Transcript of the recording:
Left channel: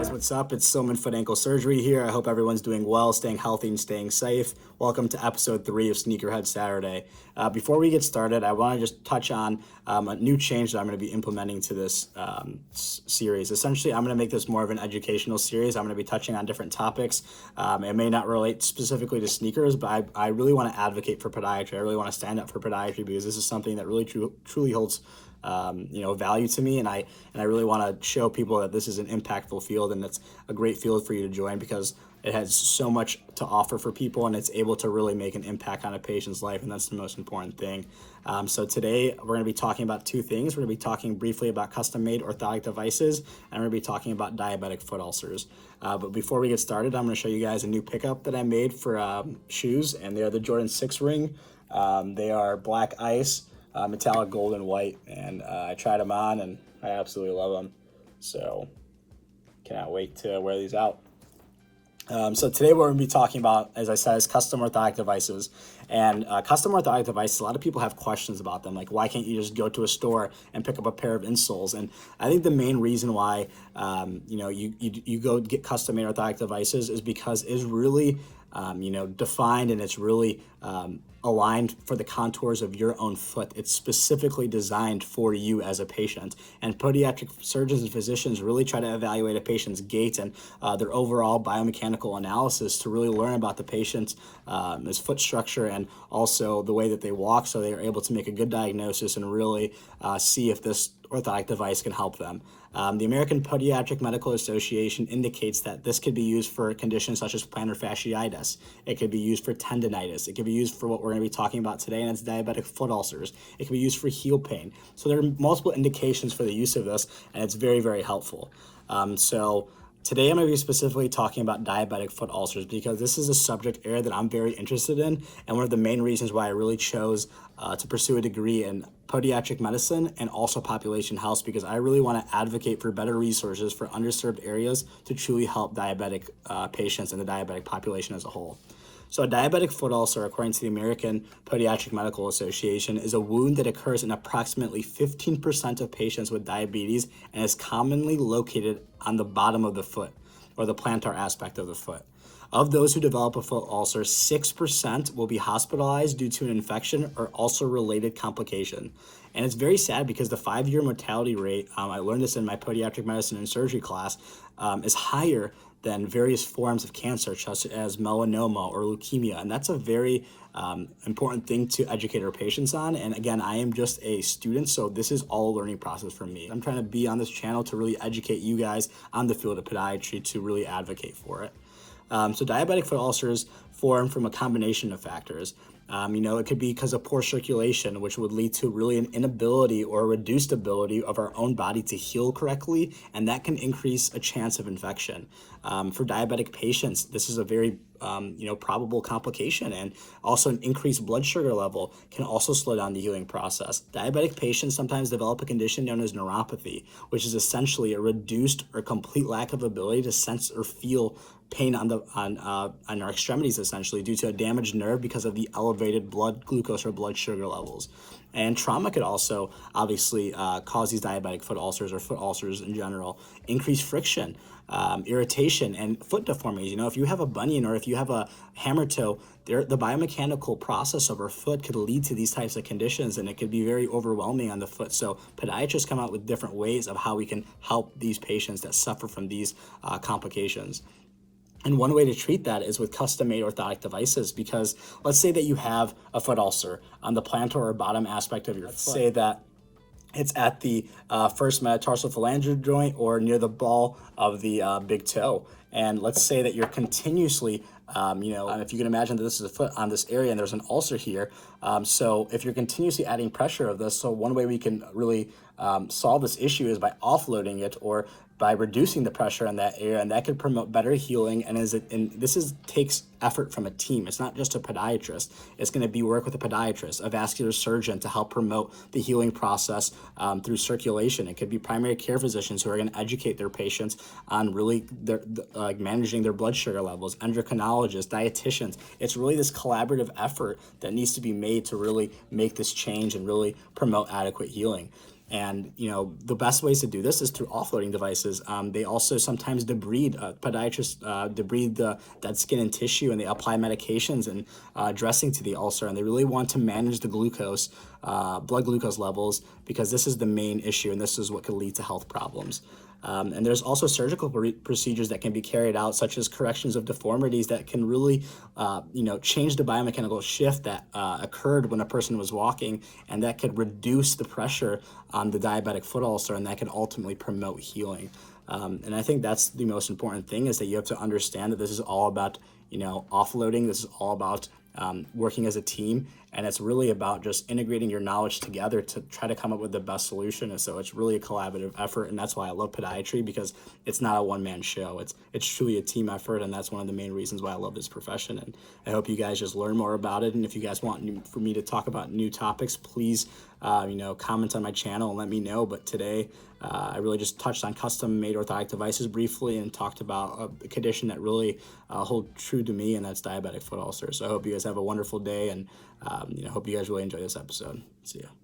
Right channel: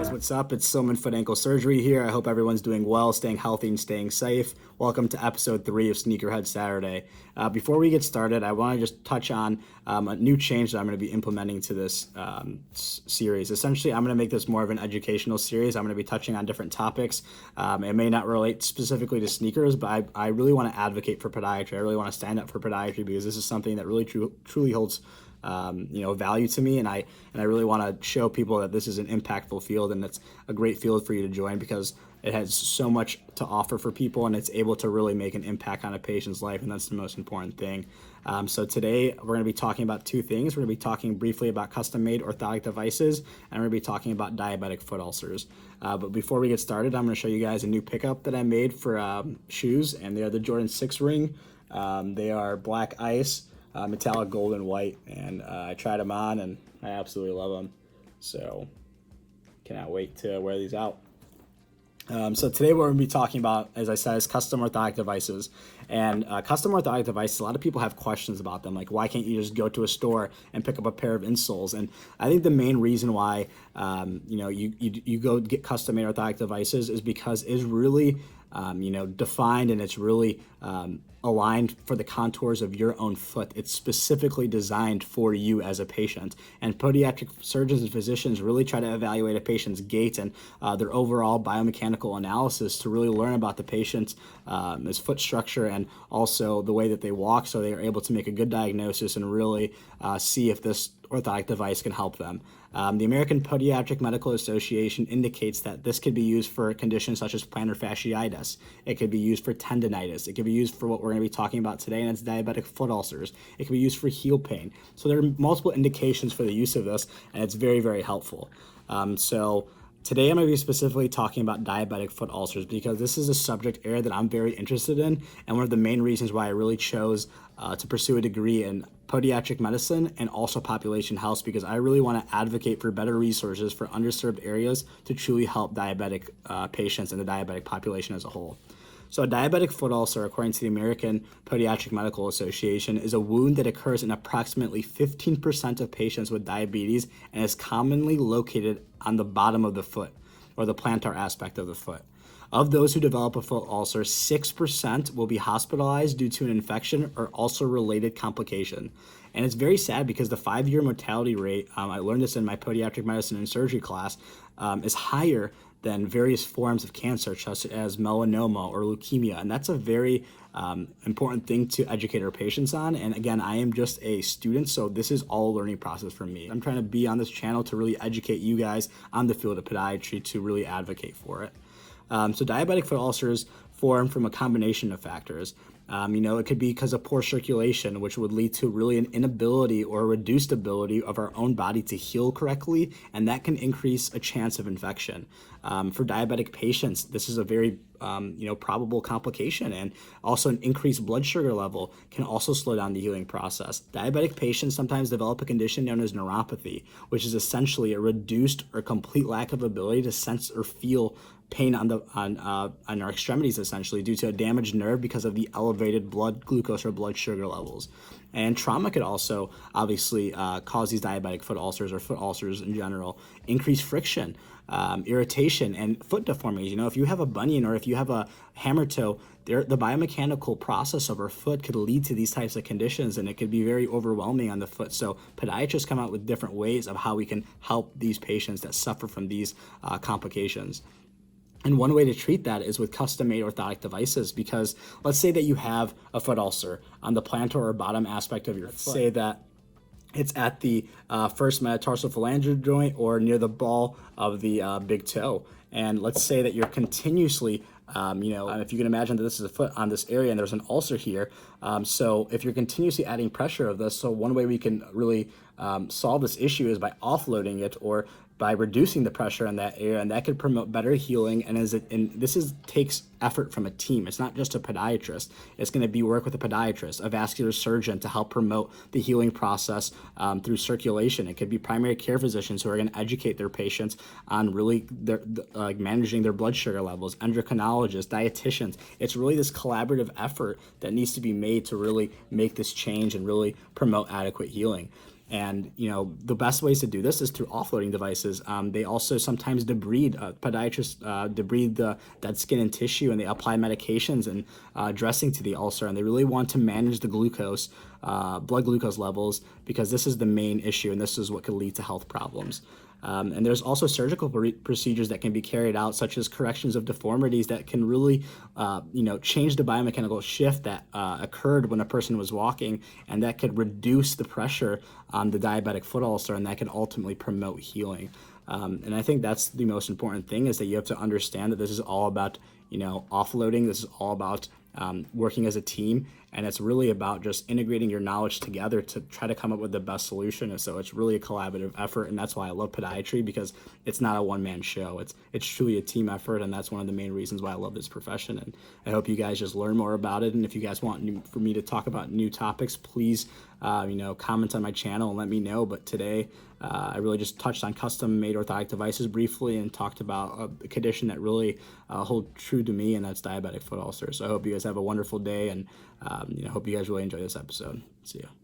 What's up? It's Silman Foot Ankle Surgery here. I hope everyone's doing well, staying healthy, and staying safe. Welcome to episode 3 of Sneakerhead Saturday. Before we get started, I want to just touch on a new change that I'm going to be implementing to this series. Essentially, I'm going to make this more of an educational series. I'm going to be touching on different topics. It may not relate specifically to sneakers, but I really want to advocate for podiatry. I really want to stand up for podiatry because this is something that really truly holds value to me, and I really want to show people that this is an impactful field and it's a great field for you to join because it has so much to offer for people and it's able to really make an impact on a patient's life, and that's the most important thing. So today we're going to be talking about two things. We're going to be talking briefly about custom-made orthotic devices, and we're going to be talking about diabetic foot ulcers. But before we get started, I'm going to show you guys a new pickup that I made for shoes, and they are the Jordan 6 ring. They are black ice, metallic gold and white, and I tried them on and I absolutely love them, so cannot wait to wear these out. So today what we're going to be talking about, as I said, is custom orthotic devices. And custom orthotic devices, a lot of people have questions about them, like why can't you just go to a store and pick up a pair of insoles? And I think the main reason why you go get custom made orthotic devices is because it's really defined, and it's really aligned for the contours of your own foot. It's specifically designed for you as a patient. And podiatric surgeons and physicians really try to evaluate a patient's gait and their overall biomechanical analysis to really learn about the patient's his foot structure and also the way that they walk, so they are able to make a good diagnosis and really see if this orthotic device can help them. The American Podiatric Medical Association indicates that this could be used for conditions such as plantar fasciitis. It could be used for tendinitis. It could be used for what we're going to be talking about today, and it's diabetic foot ulcers. It can be used for heel pain. So there are multiple indications for the use of this, and it's very, very helpful. So today I'm going to be specifically talking about diabetic foot ulcers because this is a subject area that I'm very interested in, and one of the main reasons why I really chose to pursue a degree in podiatric medicine and also population health, because I really want to advocate for better resources for underserved areas to truly help diabetic patients and the diabetic population as a whole. So a diabetic foot ulcer, according to the American Podiatric Medical Association, is a wound that occurs in approximately 15% of patients with diabetes and is commonly located on the bottom of the foot, or the plantar aspect of the foot. Of those who develop a foot ulcer, 6% will be hospitalized due to an infection or ulcer-related complication. And it's very sad because the 5-year mortality rate, I learned this in my podiatric medicine and surgery class, is higher than various forms of cancer, such as melanoma or leukemia. And that's a very important thing to educate our patients on. And again, I am just a student, so this is all a learning process for me. I'm trying to be on this channel to really educate you guys on the field of podiatry to really advocate for it. So diabetic foot ulcers form from a combination of factors. It could be because of poor circulation, which would lead to really an inability or a reduced ability of our own body to heal correctly, and that can increase a chance of infection. For diabetic patients, this is a very probable complication, and also an increased blood sugar level can also slow down the healing process. Diabetic patients sometimes develop a condition known as neuropathy, which is essentially a reduced or complete lack of ability to sense or feel pain on our extremities, essentially due to a damaged nerve because of the elevated blood glucose or blood sugar levels. And trauma could also obviously cause these diabetic foot ulcers or foot ulcers in general. Increased friction, irritation, and foot deformities. If you have a bunion or if you have a hammer toe, the biomechanical process of our foot could lead to these types of conditions, and it could be very overwhelming on the foot. So podiatrists come out with different ways of how we can help these patients that suffer from these complications. And one way to treat that is with custom-made orthotic devices, because let's say that you have a foot ulcer on the plantar or bottom aspect of your foot. Say that it's at the first metatarsal phalangeal joint or near the ball of the big toe. And let's say that you're continuously, if you can imagine that this is a foot on this area and there's an ulcer here. So if you're continuously adding pressure of this, so one way we can really solve this issue is by offloading it or by reducing the pressure in that area, and that could promote better healing. And this takes effort from a team. It's not just a podiatrist. It's going to be work with a podiatrist, a vascular surgeon to help promote the healing process through circulation. It could be primary care physicians who are going to educate their patients on really managing their blood sugar levels, endocrinologists, dietitians. It's really this collaborative effort that needs to be made to really make this change and really promote adequate healing. And the best ways to do this is through offloading devices. They also sometimes debride. Podiatrists debride the dead skin and tissue, and they apply medications and dressing to the ulcer. And they really want to manage the glucose, blood glucose levels, because this is the main issue, and this is what could lead to health problems. And there's also surgical procedures that can be carried out, such as corrections of deformities that can really, change the biomechanical shift that occurred when a person was walking, and that could reduce the pressure on the diabetic foot ulcer, and that can ultimately promote healing. And I think that's the most important thing, is that you have to understand that this is all about, offloading. This is all about working as a team, and it's really about just integrating your knowledge together to try to come up with the best solution. And so it's really a collaborative effort, and that's why I love podiatry, because it's not a one-man show. It's truly a team effort, and that's one of the main reasons why I love this profession. And I hope you guys just learn more about it. And if you guys want for me to talk about new topics, please comment on my channel and let me know. But today I really just touched on custom-made orthotic devices briefly, and talked about a condition that really holds true to me, and that's diabetic foot ulcers. So I hope you guys have a wonderful day, and hope you guys really enjoy this episode. See ya.